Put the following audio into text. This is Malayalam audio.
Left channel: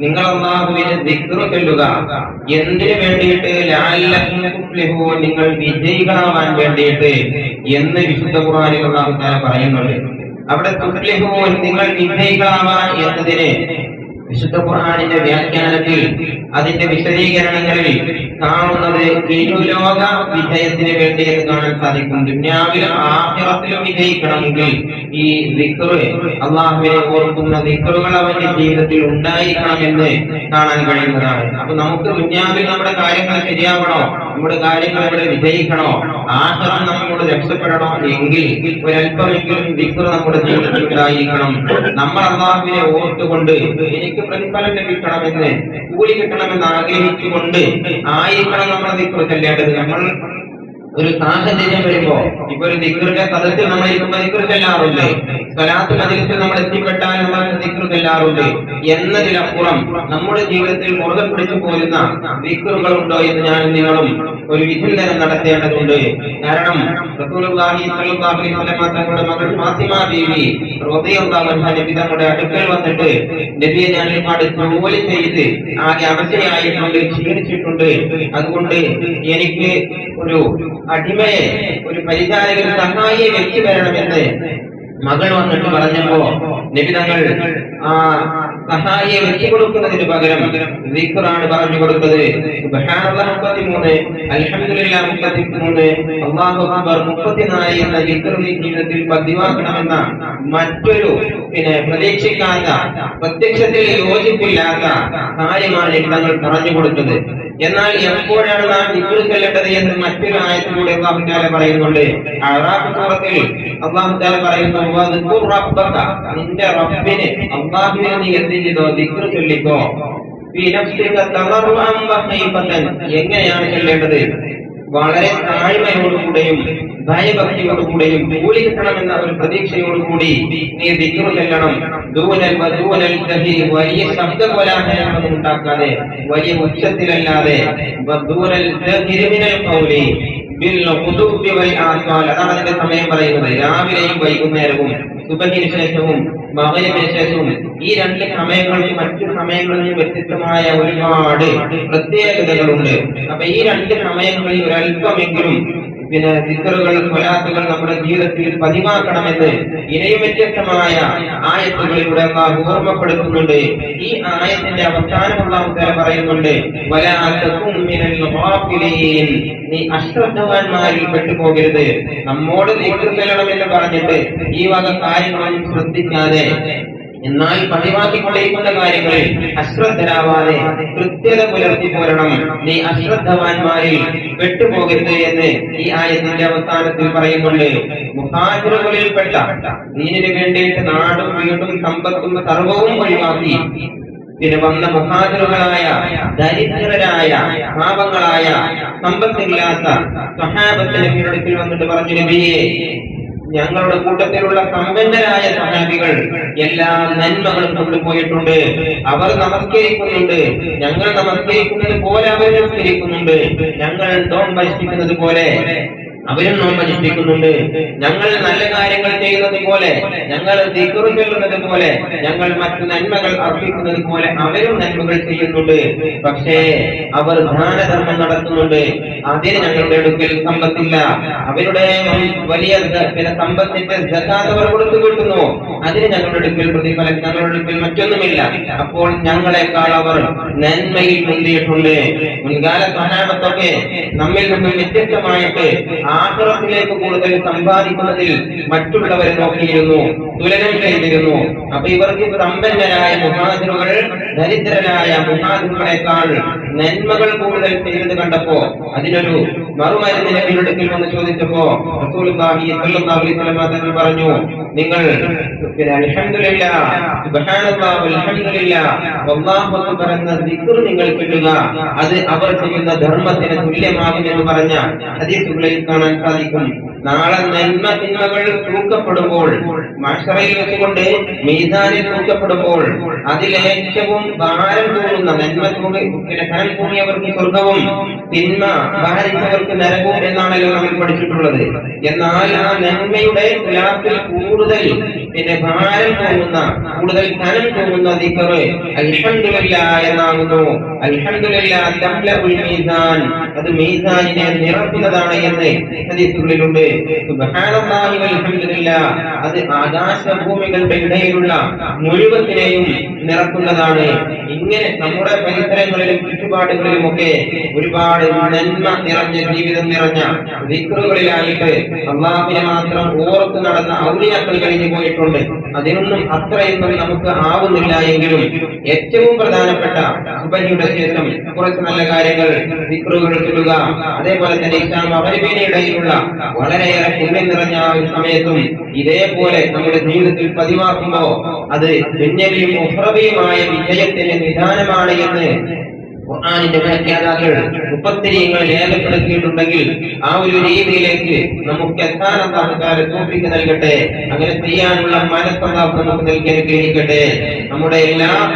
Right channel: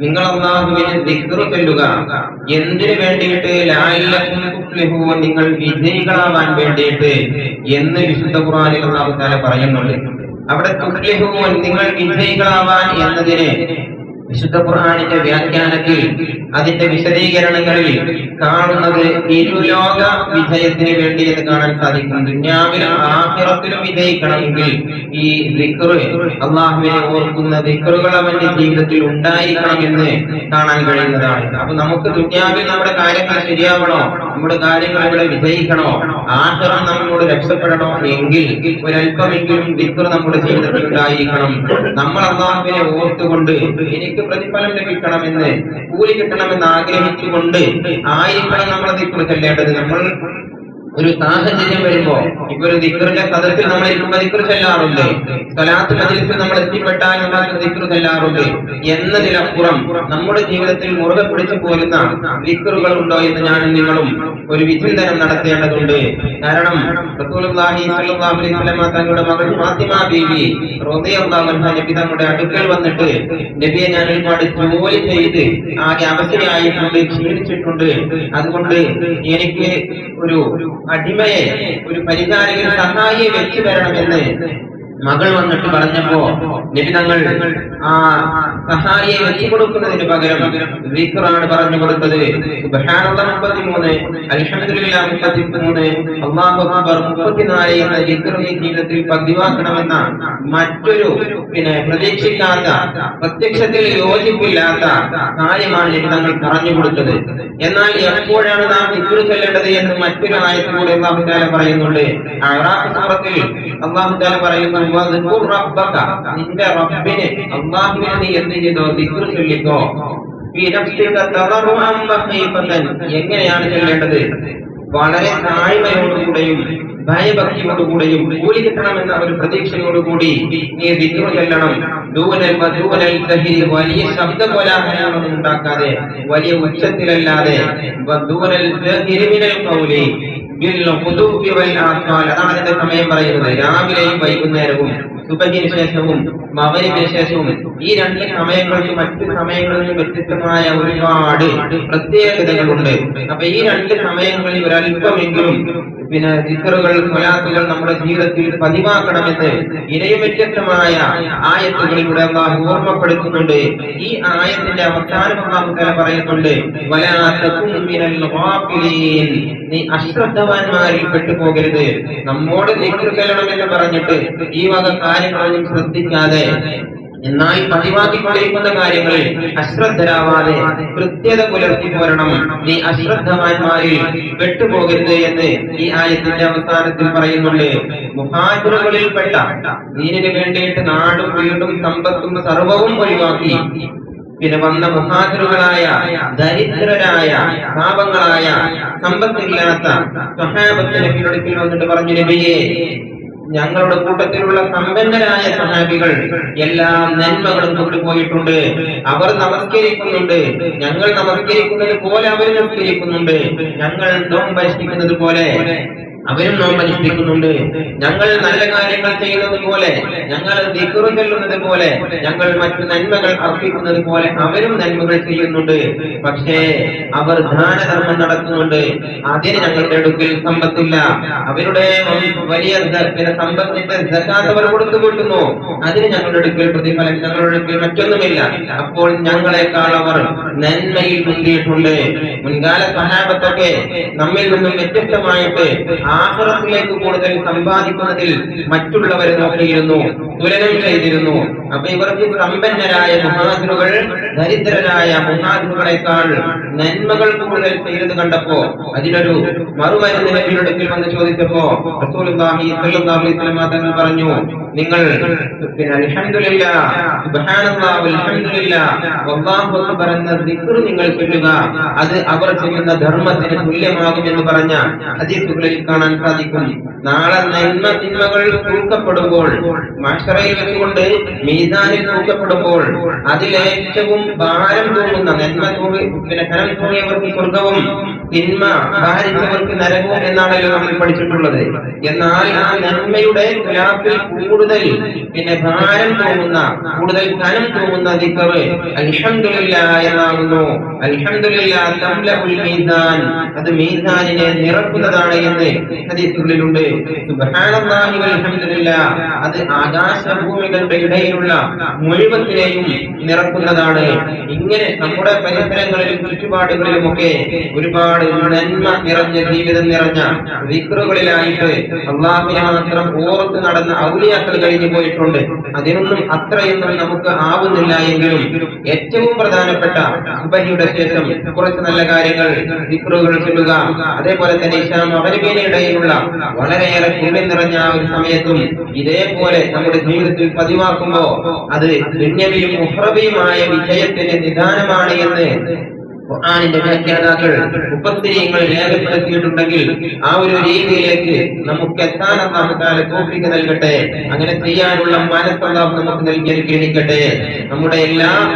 നിങ്ങൾ ചൊല്ലുക. എന്തിനു വേണ്ടിയിട്ട്? നിങ്ങൾ വിജയികളാവാൻ വേണ്ടിയിട്ട് എന്ന് വിശുദ്ധ ഖുർആനിൽ തആല പറയുന്നുണ്ട്. അവിടെ നിങ്ങൾ വിജയികളാവാൻ എന്നതിന് വിശുദ്ധ ഖുർആാനിന്റെ വ്യാഖ്യാനത്തിൽ അതിന്റെ വിശദീകരണങ്ങളിൽ കാണുന്നത് ഇരുലോക വിജയത്തിന് വേണ്ടി എന്ന് കാണാൻ സാധിക്കും. ദുന്യാവിലും ആഹ്ലത്തിലും വിജയിക്കണമെങ്കിൽ ഈ ദിക്റ് അള്ളാഹുവിനെ ഓർക്കുന്ന ദിക്റുകൾ അവന്റെ ജീവിതത്തിൽ ഉണ്ടായിരിക്കണമെന്ന് കാണാൻ കഴിയുന്നതാണ്. അപ്പൊ നമുക്ക് ദുന്യാവിൽ നമ്മുടെ കാര്യങ്ങൾ ശരിയാവണോ? നമ്മുടെ കാര്യങ്ങൾ ഇവിടെ വിജയിക്കണോ? ആഖിറം നമ്മളോട് രക്ഷപ്പെടണോ? എങ്കിൽ ഒരല്പമെങ്കിലും ദിക്റ് നമ്മുടെ ജീവിതത്തിൽ ഉണ്ടായിരിക്കണം. നമ്മൾ അള്ളാഹുവിനെ ഓർത്തുകൊണ്ട് എനിക്ക് പ്രതിഫലം ലഭിക്കണമെന്ന് കൂലി കിട്ടണമെന്ന് ആഗ്രഹിച്ചുകൊണ്ട് ആയിരിക്കണം ദിക്റ് ചെല്ലേണ്ടത് നമ്മൾ ഒരു സാഹചര്യം വരുമ്പോ ഇപ്പൊ ഒരു ദിക്റിന്റെ സദസ്സിൽ നമ്മൾ ഇരിക്കുമ്പോ ദിക്റ് ചെല്ലാറുണ്ട് സ്വലാത്ത് മജിലിസിൽ നമ്മൾ എത്തിപ്പെട്ടാൽ ഉണ്ടാകുന്ന ചെല്ലാറുണ്ട് എന്നതിലപ്പുറം നമ്മുടെ ജീവിതത്തിൽ മുറുകെ പിടിച്ചു പോരുന്ന നിക്രുകൾ ഉണ്ടോ എന്ന് ഞാൻ നിങ്ങളും ഒരു വിചിന്തനം നടത്തേണ്ടതുണ്ട്. കാരണം തങ്ങളുടെ മകൾ ഫാത്തിമ ബീവി നബി അടുക്കൽ വന്നിട്ട് നബിയെ ഞാൻ ഒരുപാട് ജോലി ചെയ്ത് ആകെ അവശയായിട്ടുണ്ട് ക്ഷീണിച്ചിട്ടുണ്ട്. അതുകൊണ്ട് എനിക്ക് ഒരു അടിമയെ ഒരു പരിചാരകൻ സഹായിയെ വെച്ചു തരണമെന്ന് മകൾ വന്നിട്ട് പറഞ്ഞപ്പോ നിബിതങ്ങൾ ആ സഹായിയെ വെച്ചു കൊടുക്കുന്നതിന് പകരം ദിക്റാണ് പറഞ്ഞു കൊടുത്തത്. 33 അൽഹംദുലില്ലാഹ് 33 അല്ലാഹു അക്ബർ 34 എന്ന നീ ജീവിതത്തിൽ പതിവാക്കണമെന്ന മറ്റൊരു പിന്നെ പ്രതീക്ഷിക്കാത്ത പ്രത്യക്ഷത്തിൽ യോജിപ്പില്ലാത്ത കാര്യമാണ് നബി പറഞ്ഞു കൊടുത്തത്. എന്നാൽ എപ്പോഴാണ് നാം ദിക്ർ ചൊല്ലേണ്ടത് എന്ന് മറ്റൊരു ആയത്തിലൂടെ അള്ളാഹുദാല പറയുന്നുണ്ട്. അള്ളാഹുദാല സൂറത്തിൽ തആല പറയുന്നു നിന്റെ റബ്ബിനെ അല്ലാഹുവിനെ നീ എന്ത് ചെയ്തോ? ദിക്ർ ചൊല്ലിക്കോ. എങ്ങനെയാണ് ചൊല്ലേണ്ടത്? വളരെ താഴ്മയോടുകൂടെയും ഭയഭക്തിയോടുകൂടെയും കൂലി കിട്ടണമെന്ന ഒരു പ്രതീക്ഷയോടുകൂടി നീ ദിക്ർ ചെല്ലണം വലിയ ശബ്ദകോലാഹലങ്ങളൊന്നും ഉണ്ടാക്കാതെ വലിയ ഉച്ചത്തിലല്ലാതെ അതാണ് സമയം പറയുന്നത്. രാവിലെയും വൈകുന്നേരവും സുബഹിന് ശേഷവും മകനത്തിന് ശേഷവും ഈ രണ്ട് സമയങ്ങൾക്ക് മറ്റു സമയങ്ങളിൽ നിന്ന് വ്യത്യസ്തമായ ഒരുപാട് പ്രത്യേകതകളുണ്ട്. അപ്പൊ ഈ രണ്ട് സമയങ്ങളിൽ ഒരല്പമെങ്കിലും പിന്നെ ചിത്രകൾ സ്വലാത്തുകൾ നമ്മുടെ ജീവിതത്തിൽ പതിവാക്കണമെന്ന് ഇനയും വ്യത്യസ്തമായ ആയത്തുകളിലൂടെ അള്ളാഹു ഓർമ്മപ്പെടുത്തുന്നുണ്ട്. ഈ ആയത്തിന്റെ അവസാനം അള്ളാഹു തല പറയുന്നുണ്ട് നീ അശ്രദ്ധവാന്മാരിൽ പെട്ടുപോകരുത്. നമ്മോട് ചെല്ലണമെന്ന് പറഞ്ഞിട്ട് ഈ വക കാര്യങ്ങളൊന്നും ശ്രദ്ധിക്കാതെ എന്നാൽ പതിവാക്കിക്കൊണ്ടിരിക്കുന്ന കാര്യങ്ങളിൽ അശ്രദ്ധരാവാതെ കൃത്യത പുലർത്തി പോരണം. നീ അശ്രദ്ധവാന്മാരിൽ പെട്ടുപോകരുത് എന്ന് ഈ ആയത്തിന്റെ അവസാനത്തിൽ പറയുന്നുണ്ട്. മുഹാജിറുകളിൽപ്പെട്ട നീനിന് വേണ്ടിയിട്ട് നാടും വീടും സമ്പത്തും സർവവും ഒഴിവാക്കി. പിന്നെ വന്ന മുഹാജിറുകളായ ദരിദ്രരായ പാപങ്ങളായ സമ്പത്തില്ലാത്ത സഹാബത്തിന് അടുക്കൽ വന്നിട്ട് പറഞ്ഞു നബിയെ ഞങ്ങളുടെ കൂട്ടത്തിലുള്ള സമ്പന്നരായ സഹാബികൾ എല്ലാ നന്മകളും കൊണ്ടുപോയിട്ടുണ്ട് അവർ നമസ്കരിക്കുന്നുണ്ട്. ഞങ്ങൾ നമസ്കരിക്കുന്നത് പോലെ അവർ നമസ്കരിക്കുന്നുണ്ട്. ഞങ്ങൾ നോമ്പനുഷ്ഠിക്കുന്നത് പോലെ അവരും നോമ്പനുഷ്ഠിക്കുന്നുണ്ട് ഞങ്ങൾ നല്ല കാര്യങ്ങൾ ചെയ്യുന്നത് പോലെ ഞങ്ങൾ ദിക്കറു ചൊല്ലുന്നത് പോലെ ഞങ്ങൾ മറ്റു നന്മകൾ അർപ്പിക്കുന്നത് പോലെ അവരും നന്മകൾ ചെയ്യുന്നുണ്ട്. പക്ഷേ അവർ ദാനധർമ്മം നടത്തുന്നുണ്ട്. അതിന് ഞങ്ങളുടെ അടുക്കൽ സമ്പത്തില്ല. അവരുടെ വലിയ സമ്പത്തിന്റെ അവർ കൊടുത്തു കിട്ടുന്നു. അതിന് ഞങ്ങളുടെ അടുക്കൽ പ്രതിഫലം ഞങ്ങളുടെ അടുക്കൽ മറ്റൊന്നുമില്ല. അപ്പോൾ ഞങ്ങളെക്കാൾ അവർ നന്മയിൽ മുന്തിയിട്ടുണ്ട്. മുൻകാല സഹാബത്തൊക്കെ നമ്മിൽ നിന്നും വ്യത്യസ്തമായിട്ട് ആഹ്റത്തിലേക്ക് കൂടുതൽ സമ്പാദിക്കുന്നതിൽ മറ്റുള്ളവരെ നോക്കിയിരുന്നു തുലനം ചെയ്തിരുന്നു. അപ്പൊ ഇവർക്ക് സമ്പന്നരായ മുഹാദിറുകൾ ദരിദ്രരായ മുഹാദിറുകളെക്കാൾ നന്മകൾ കൂടുതൽ ചെയ്തത് കണ്ടപ്പോ അതിനൊരു മറുമരുന്ന് നബിയുടെ വന്ന് ചോദിച്ചപ്പോ തങ്ങൾ പറഞ്ഞു നിങ്ങൾ അക്ബർ ദിക്ർ നിങ്ങൾ ചൊല്ലുക. അത് അവർ ചെയ്യുന്ന ധർമ്മത്തിന് തുല്യമാകും എന്ന് പറഞ്ഞ ഹദീസുകളിൽ കാണാൻ സാധിക്കും നാളെ നന്മ തിന്മകൾ തൂക്കപ്പെടുമ്പോൾ മഷറയിൽ വെച്ചുകൊണ്ട് മീതാനിൽ തൂക്കപ്പെടുമ്പോൾ അതിലേറ്റവും ഭാരം തൂങ്ങുന്ന നന്മ തൂങ്ങി പിന്നെ ധനം തൂങ്ങിയവർക്ക് സ്വർഗവും തിന്മ ഭാരിച്ചവർക്ക് നരകവും എന്നാണല്ലോ നമ്മൾ പഠിച്ചിട്ടുള്ളത്. എന്നാൽ ആ നന്മയുടെ തുലാത്തിൽ കൂടുതൽ പിന്നെ ഭാരം തോന്നുന്ന കൂടുതൽ ധനം തോന്നുന്ന ദിക്കറ് അൽഹംദുലില്ല എന്നാകുന്നു. അൽഹംദുലില്ല തംലഉൽ മീസാൻ. അത് മീസാനിനെ നിറക്കുന്നതാണ് എന്ന് ഹദീസുകളിലുണ്ട്. അത് ആകാശഭൂമികളുടെ ഇടയിലുള്ള മുഴുവത്തിനെയും നിറക്കുന്നതാണ്. ഇങ്ങനെ നമ്മുടെ പരിസരങ്ങളിലും ചുറ്റുപാടുകളിലും ഒക്കെ ഒരുപാട് നന്മ നിറഞ്ഞ ജീവിതം നിറഞ്ഞ വിക്രുകളിലായിട്ട് അള്ളാഹിനെ മാത്രം ഓർത്ത് നടന്ന ഔലിയാക്കൾ കഴിഞ്ഞു പോയിട്ടുണ്ട്. അതിനൊന്നും അത്രയൊന്നും നമുക്ക് ആവുന്നില്ല എങ്കിലും ഏറ്റവും പ്രധാനപ്പെട്ട സുബഹിയുടെ ശേഷം കുറച്ച് നല്ല കാര്യങ്ങൾ വിക്രുകൾ ചൊല്ലുക അതേപോലെ തന്നെ ഇസ്ലാം അവരുവേനയിടയിലുള്ള വളരെയേറെ പുണ്യം നിറഞ്ഞ ഒരു സമയത്തും ഇതേപോലെ നമ്മുടെ ജീവിതത്തിൽ പതിവാക്കുമ്പോ അത് ദുന്യവിയും ഉഹ്റബിയുമായ വിജയത്തിന് നിദാനമാണ് എന്ന് ഖുർആാനിന്റെ വ്യാഖ്യാതാക്കൾ ഉപത്തിരിയങ്ങൾ രേഖപ്പെടുത്തിയിട്ടുണ്ടെങ്കിൽ ആ ഒരു രീതിയിലേക്ക് നമുക്ക് എത്താൻ അള്ളാഹുക്കാരെ തോപ്പിക്ക് നൽകട്ടെ അങ്ങനെ ചെയ്യാനുള്ള മനസ്സല്ലാഹ് നമുക്ക് നൽകി അനുഗ്രഹിക്കട്ടെ. നമ്മുടെ എല്ലാ